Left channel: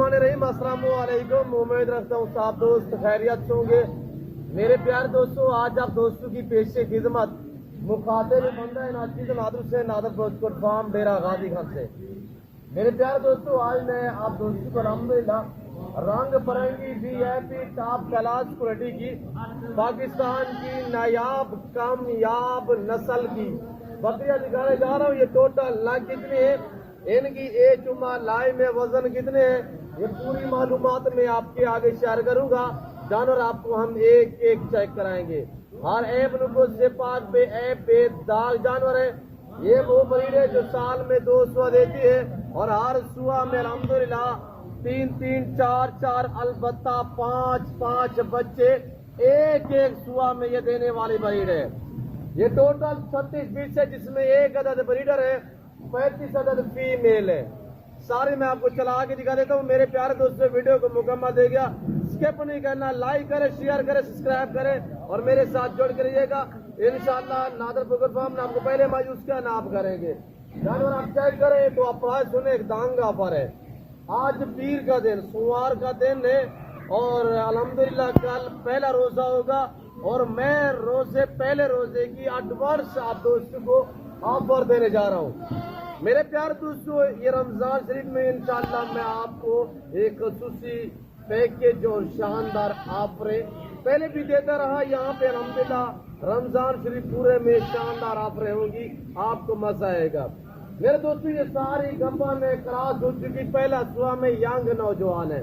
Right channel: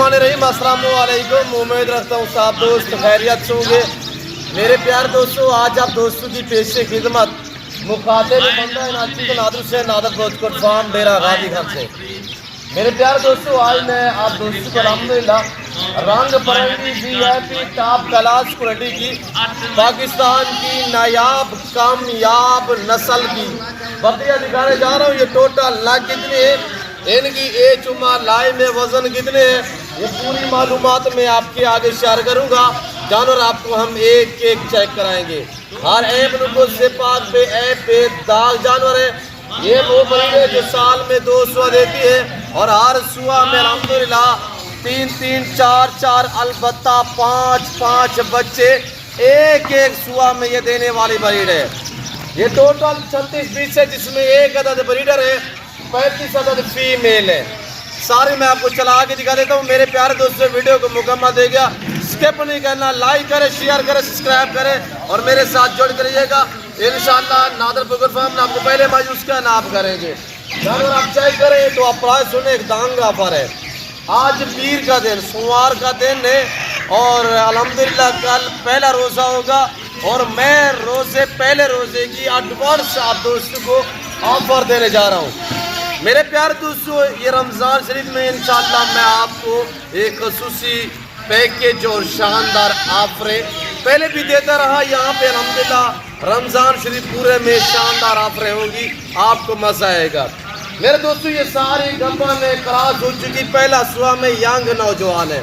बिस्मिल्लाहिर्रहमानिर्रहीम। अस्सलाम वालेकुम। उम्मीद रखता हूँ सब दोस्त खैरियत से होंगे। मेरे प्यारे दोस्तों, आज आप दोस्तों की पेश खिदमत मुखातिब बंदा नाची को नादर से नादर फौजकोट फार्म डेरा गाजी खान से। मेरे प्यारे दोस्तों, आज मैं आप दोस्तों को अल्हम्दुलिल्लाह रंग बिरंगी VIP टॉप क्लास क्वालिटी की पाकिस्तान की नायाब कामयाब नस्ल की बकरियां दिखाने जा रहा हूँ। ये टोटल लाख कितनी है, इनकी एज उम्र लाई में वजन कितने हैं, ये पूरी मालूमात मैं आपके आगे शेयर करूंगा। जानवर आपको हम एक एक चेक कराएंगे। हर ऐप नुको से पाक पे ऐप पे दाग जानवर है। ये वो बकरी है जो साल में 2 सुआ देती है और हर सुआ में अल्हम्दुलिल्लाह 3-3 4-4 अलबत्ता 5-5 बच्चे एक एक सुआ में ये देने वाली ब्रीड है। ये टोटल 36 पीस है, जिसमें एक अदद ब्रीडर है, 35 अदद फीमेल है। सारी मैं आपको चला के दिखा देता हूँ। मेरे प्यारे दोस्तों, वीडियो को मुकम्मल देखिए, स्किप नहीं करना, लाइक करें, शेयर करें, सब्सक्राइब करें और मेरे साथ जुड़ कर रहिएगा। इंशाअल्लाह नादर फौजकोट फार्म में आपको पहले मायूस का नाप करेंगे। जानवर आप चेक करें तो आप प्राइस सुने, एक दांग ऑफर है। आज पीर का दिन, सोमवार का दिन है और अल्हम्दुलिल्लाह कल पहला रोज़ा होगा और मैं पहले रोज़े की एडवांस आप दोस्तों को ऑफर देने जा रहा हूँ। मेरे प्यारे दोस्तों, ये रमज़ान शरीफ में इंशाअल्लाह मैं आपको एक ख़ुसूसी पैकेज और शानदार ऑफरें पहले भी देता रहा। यहाँ पे अल्हम्दुलिल्लाह रमज़ान शरीफ पूरे में शानदार ऑफरें होंगी, आपको मज़ा आएगा। मेरे दोस्तों, ये सारी गप्पा में क्रॉस हो चुकी, पहला सुआ में यंग नौजवान है।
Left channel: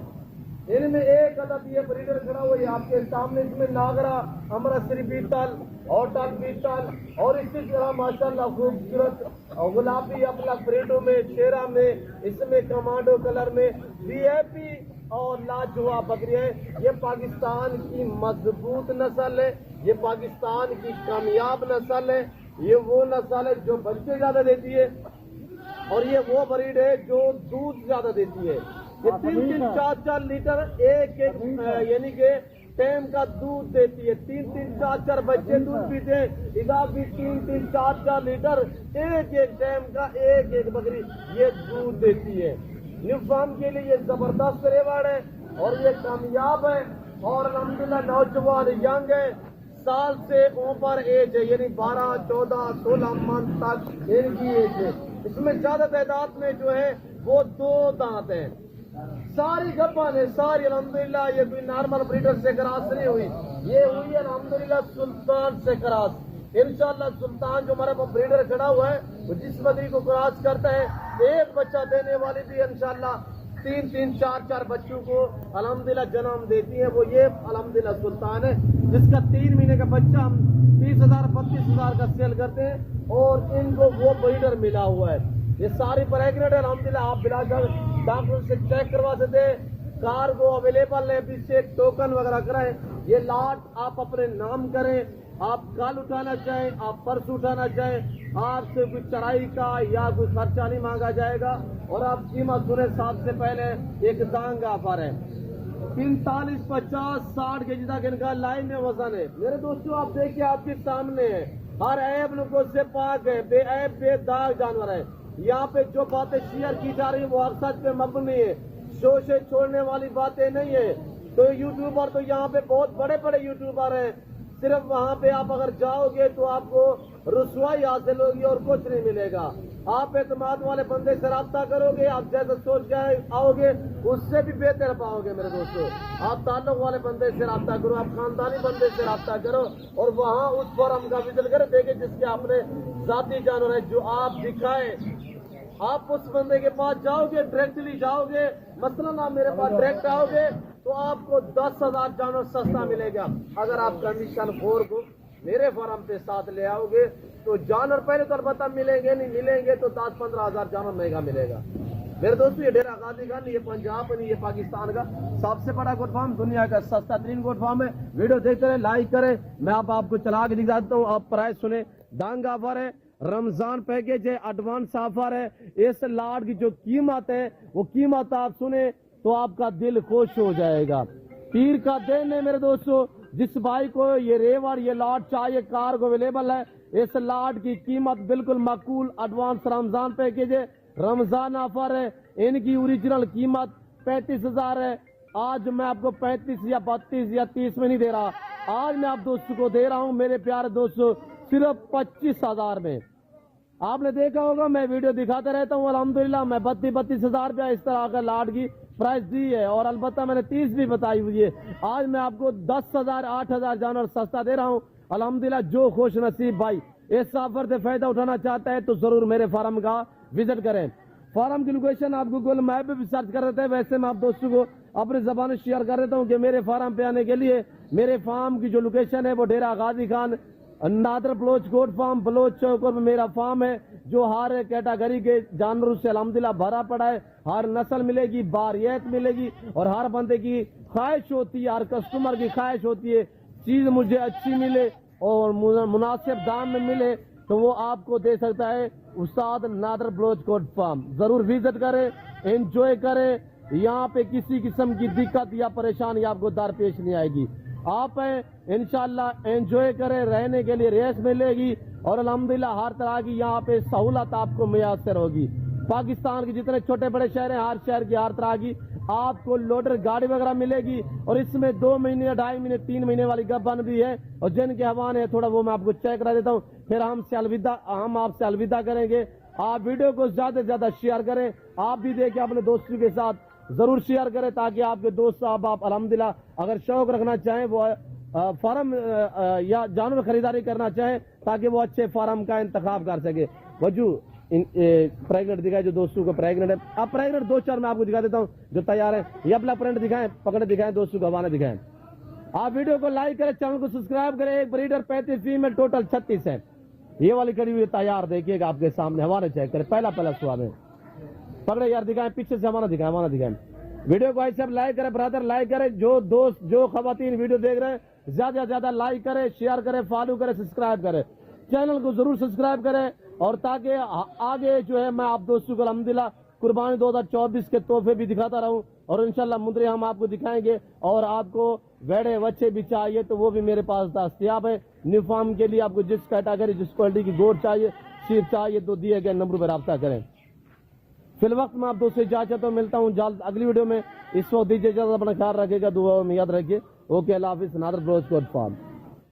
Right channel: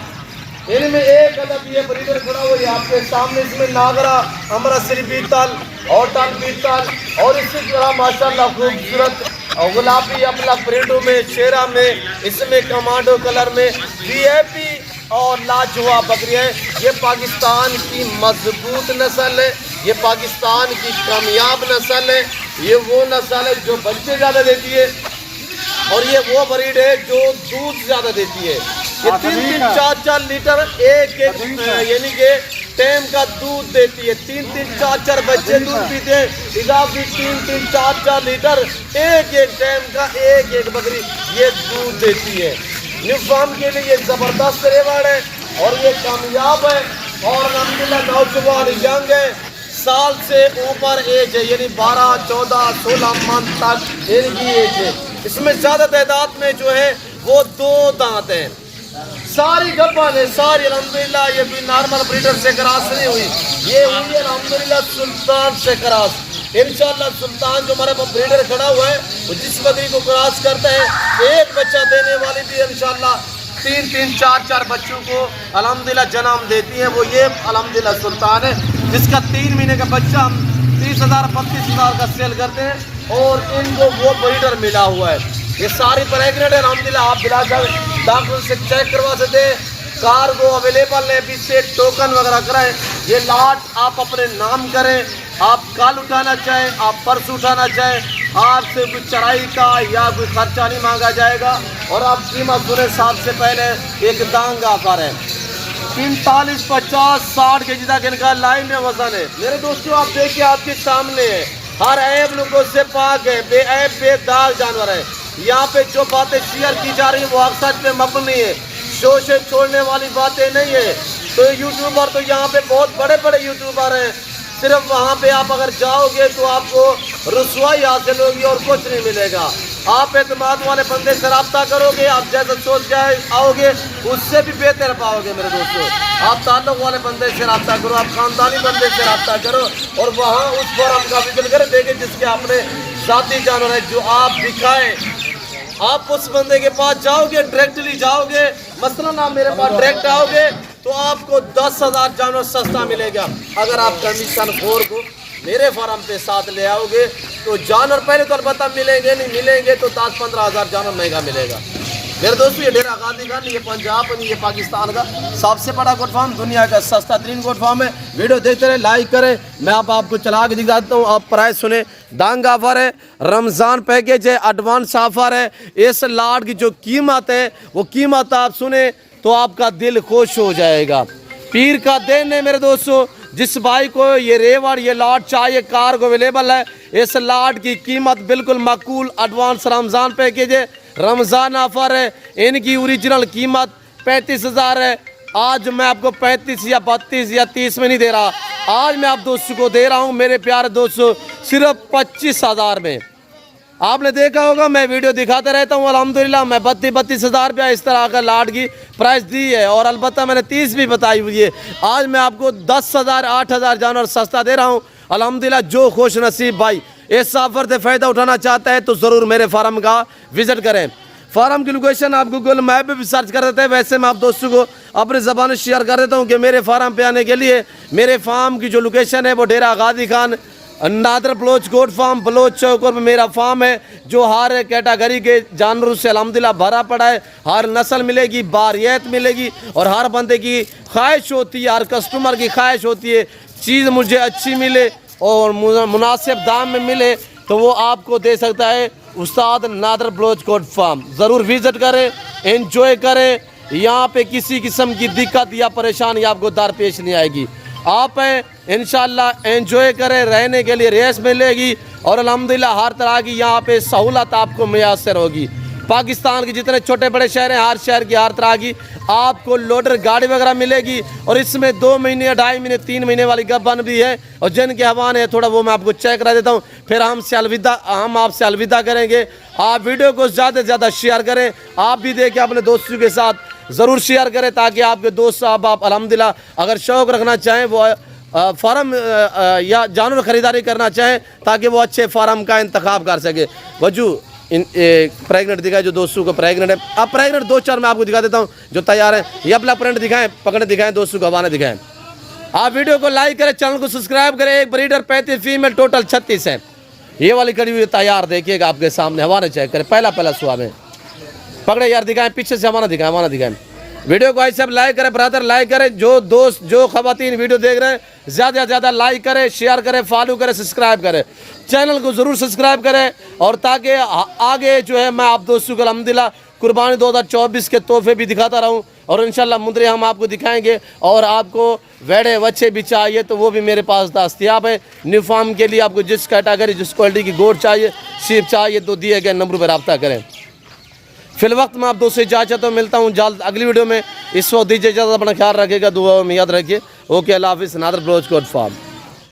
इनमें एक अदब ये ब्रीडर खड़ा हुआ है आपके सामने, इसमें नागरा अमृतसरी बीतल और टन बीतल और इसी तरह माशाल्लाह खूबसूरत और गुलाबी अपना प्रिंटों में, शेरा में, इसमें कमांडो कलर में VIP और लाजवाब बकरियां हैं। ये पाकिस्तान की मजबूत नस्ल है, ये पाकिस्तान की कामयाब नस्ल है। ये वो नस्ल है जो बच्चे ज़्यादा देती है और ये वो ब्रीड है जो दूध ज़्यादा देती है। ये 3-3 4-4 लीटर एक यानी कि टाइम का दूध देती है। 3-3 4-4 बच्चे दूध पीते हैं, इजाफी 3-3 4-4 लीटर एक टाइम का एक बकरी ये दूध देती है। न्यू फार्म के लिए ये ज़बरदस्त रेवाड़ है और ये कामयाब है और अल्हम्दुलिल्लाह नौजवान यंग है, साल से ऊपर एज है, यानी 12 14 16 मंथ तक इनकी एज है। इसमें ज़्यादा तादाद में जो है वो 2 दांत हैं। सारी गप्पा ने सारी अल्हम्दुलिल्लाह ये भी नॉर्मल ब्रीडर से क्रॉस नहीं हुई, ये हुई अल्हम्दुलिल्लाह सुल्तान से क्रॉस। इंशाअल्लाह सुल्तान जो हमारे पास ब्रीडर खड़ा हुआ है वो जिस बकरी को क्रॉस करता है एक बच्चा देने वाली भी इंशाअल्लाह 3-3 4-4 बच्चों को अल्हम्दुलिल्लाह जन्म देती है। वो ये अल्हम्दुलिल्लाह सुल्तान है, जिसका 3 महीने का बच्चा हम 30,000 35,000 का सेल करते हैं और इनको वो ब्रीडर मिला हुआ है। ये सारी प्रेगनेंट है अल्हम्दुलिल्लाह। आप बिलाकर डॉक्टर से चेक करवा सकते हैं, कार्गो अवेलेबल है, अभी से टोकन वगैरह कराएं। ये लाट आप अपने नाम करें, आप कल उठाना चाहें, आप परसों उठाना चाहें, आपसे कोई चढ़ाई का या कोई खर्चा नहीं मांगा जाएगा और आप कीमत सुने साथ से पहले एक दांग ऑफर है। 45 50 60 के जी तक इनका लाइन में वजन है। मेरे दोस्तों, आप देखिए आपके सामने है, हर ऐप लोगों से पाक है, बेऐब बेदाग जानवर है। यहाँ पे जो बातें शेयर की जा रही है वो सच पे मबनी है, शो से छोड़ने वाली बातें नहीं है। तो यूट्यूबर तो यहाँ पे बहुत बड़े बड़े यूट्यूबर हैं, सिर्फ वहाँ पे आप अगर जाओगे तो आपको रुसवाई हासिल होगी और कुछ नहीं मिलेगा। आप एतमाद वाले बंदे से रब्ता करोगे, आप जैसा सोच के आओगे उससे भी बेहतर पाओगे। मेरे दोस्तों, आप ताल्लुक वाले बंदे से रब्ता करो, आप खानदानी बंदे से रब्ता करो और वहाँ उस फॉर्म का विजिट करें, देखें जिसके आपने ज़ाती जानवर है जो आप दिखाएं। आप उस बंदे के पास जाओगे, डायरेक्टली जाओगे, मसलन आप मेरे पास डायरेक्ट आओगे तो आपको 10,000 जानवर सस्ता मिलेगा। अगर आप कमीशन खोर को मेरे फार्म पे साथ ले आओगे तो जानवर पहले तो अलबत्ता मिलेंगे, नहीं मिलेंगे तो 10-15 हज़ार जानवर महंगा मिलेगा। मेरे दोस्तों, ये डेरा गाजी खान, ये पंजाब नहीं, ये पाकिस्तान का सबसे बड़ा गोट फार्म, दुनिया का सस्ता तरीन गोट फार्म है। वीडियो देखते रहे, लाइक करें। मैं आपको चला के दिखाता हूँ। आप प्राइस सुने, दांग ऑफर है, रमज़ान पैकेज है, एडवांस ऑफर है। इस लाट की जो कीमत है वो कीमत आप सुने तो आपका दिल खुश हो जाएगा। पीर का दिन है मेरे दोस्तों, जिस भाई को ये रेवड़ ये लाट चाहिए, कार्गो अवेलेबल है। इस लाट की कीमत बिल्कुल माकूल, एडवांस रमज़ान पैकेज है, रमज़ान ऑफर है। इनकी ओरिजिनल कीमत 35,000 है, आज मैं आपको 35 या 32 या 30 में नहीं दे रहा, आज मैं आप दोस्तों को दे रहा हूँ मेरे प्यारे दोस्तों सिर्फ 25,000 में। आपने देखा होगा मैं वीडियो दिखाता रहता हूँ, अल्हम्दुलिल्लाह मैं 32,000 रुपया इस तरह का लाट की प्राइस दी है, और अलबत्ता मैंने 30 भी बताई हुई है। आज मैं आपको 10,000 8,000 जानवर सस्ता दे रहा हूँ अल्हम्दुलिल्लाह। जो खुश नसीब भाई इस ऑफर से फ़ायदा उठाना चाहता है तो ज़रूर मेरे फार्म का विज़िट करें। फार्म की लोकेशन आप गूगल मैप पे भी सर्च कर देते हैं, वैसे मैं आप दोस्तों को अपनी ज़बान शेयर कर देता हूँ कि मेरे फार्म पे आने के लिए मेरे फार्म की जो लोकेशन है वो डेरा गाजी खान नादर बलोच गोट फार्म बलोच चौक में मेरा फार्म है, जो हर कैटेगरी के जानवरों से अल्हम्दुलिल्लाह भरा पड़ा है। हर नस्ल मिलेगी, बारियत मिलेगी, और हर बंदे की ख्वाहिश होती है, हर कस्टमर की ख्वाहिश होती है चीज़ मुझे अच्छी मिले और मुनासिब दाम में मिले, तो वो आपको दे सकता है उस्ताद नादर बलोच गोट फार्म। ज़रूर विज़िट करें, एंजॉय करें, यहाँ पे किसी किस्म की दिक्कत या परेशानी आपको दरपेश नहीं आएगी। आप इंशाल्लाह एंजॉय करें, रहने के लिए रेस मिलेगी, और अल्हम्दुलिल्लाह हर तरह की यहाँ पे सहूलत आपको मैसर होगी। पाकिस्तान के जितने छोटे बड़े शहर हैं, हर शहर की हर तरह की आपको लोडर गाड़ी वगैरह मिलेगी, और इसमें 2 महीने 2.5 महीने 3 महीने वाली गबन भी है, और जिनके हवाने है थोड़ा वो मैं आपको चेक करा देता हूँ, फिर हम आपसे अलविदा करेंगे। आप वीडियो को ज़्यादा से ज़्यादा शेयर करें, आप भी देखें, अपने दोस्तों के साथ ज़रूर शेयर करें, ताकि आपके दोस्त साहब आप अल्हम्दुलिल्लाह अगर शौक़ रखना चाहें वो फार्म या जानवर ख़रीदारी करना चाहें, ताकि वो अच्छे फार्म का इंतखाब कर सके। वजू प्रेगनेंट दिखाए जो दोस्तों को प्रेगनेंट है, अब प्रेगनेंट 2-4 मैं आपको दिखा देता हूँ जो तैयार है। ये अपना प्रिंट दिखाएं, पकड़े दिखाएं, दोस्तों को हवाने दिखाएं। आप वीडियो को लाइक करें, चैनल को सब्सक्राइब करें। एक ब्रीडर 35 फीमेल टोटल 36 है। ये वाली कड़ी हुई तैयार देखिएगा आपके सामने, हवाने चेक करें, पहला सुहा में पकड़े यार, दिखाएं पीछे से, हवाना दिखाएं। वीडियो को ऐसे लाइक करें ब्रदर, लाइक करें। जो दोस्त जो ख़वातीन वीडियो देख रहे हैं ज़्यादा से ज़्यादा लाइक करें, शेयर करें, फॉलो करें, सब्सक्राइब करें, चैनल को ज़रूर सब्सक्राइब करें, और ताकि आगे जो है मैं आप दोस्तों को अल्हम्दुलिल्लाह कुर्बानी 2024 के तोहफे भी दिखाता रहूं, और इंशाल्लाह मुंदरे हम आपको दिखाएंगे। और आपको वेड़े बच्चे भी चाहिए तो वो भी मेरे पास दस्तयाब है। न्यू फार्म के लिए आपको जिस कैटेगरी जिस क्वालिटी की गोट चाहिए, शीप चाहिए, तो दिए गए नंबर पर रब्ता करें। फिल वक्त मैं आप दोस्तों इजाज़त तो मिलता हूँ जल्द अगली वीडियो में। इस वक्त दीजिए इजाज़त, अपना ख्याल रखिएगा, दुआ में याद रखिए। ओके, अल्लाह हाफिज़। Nadir Baloch goat farm.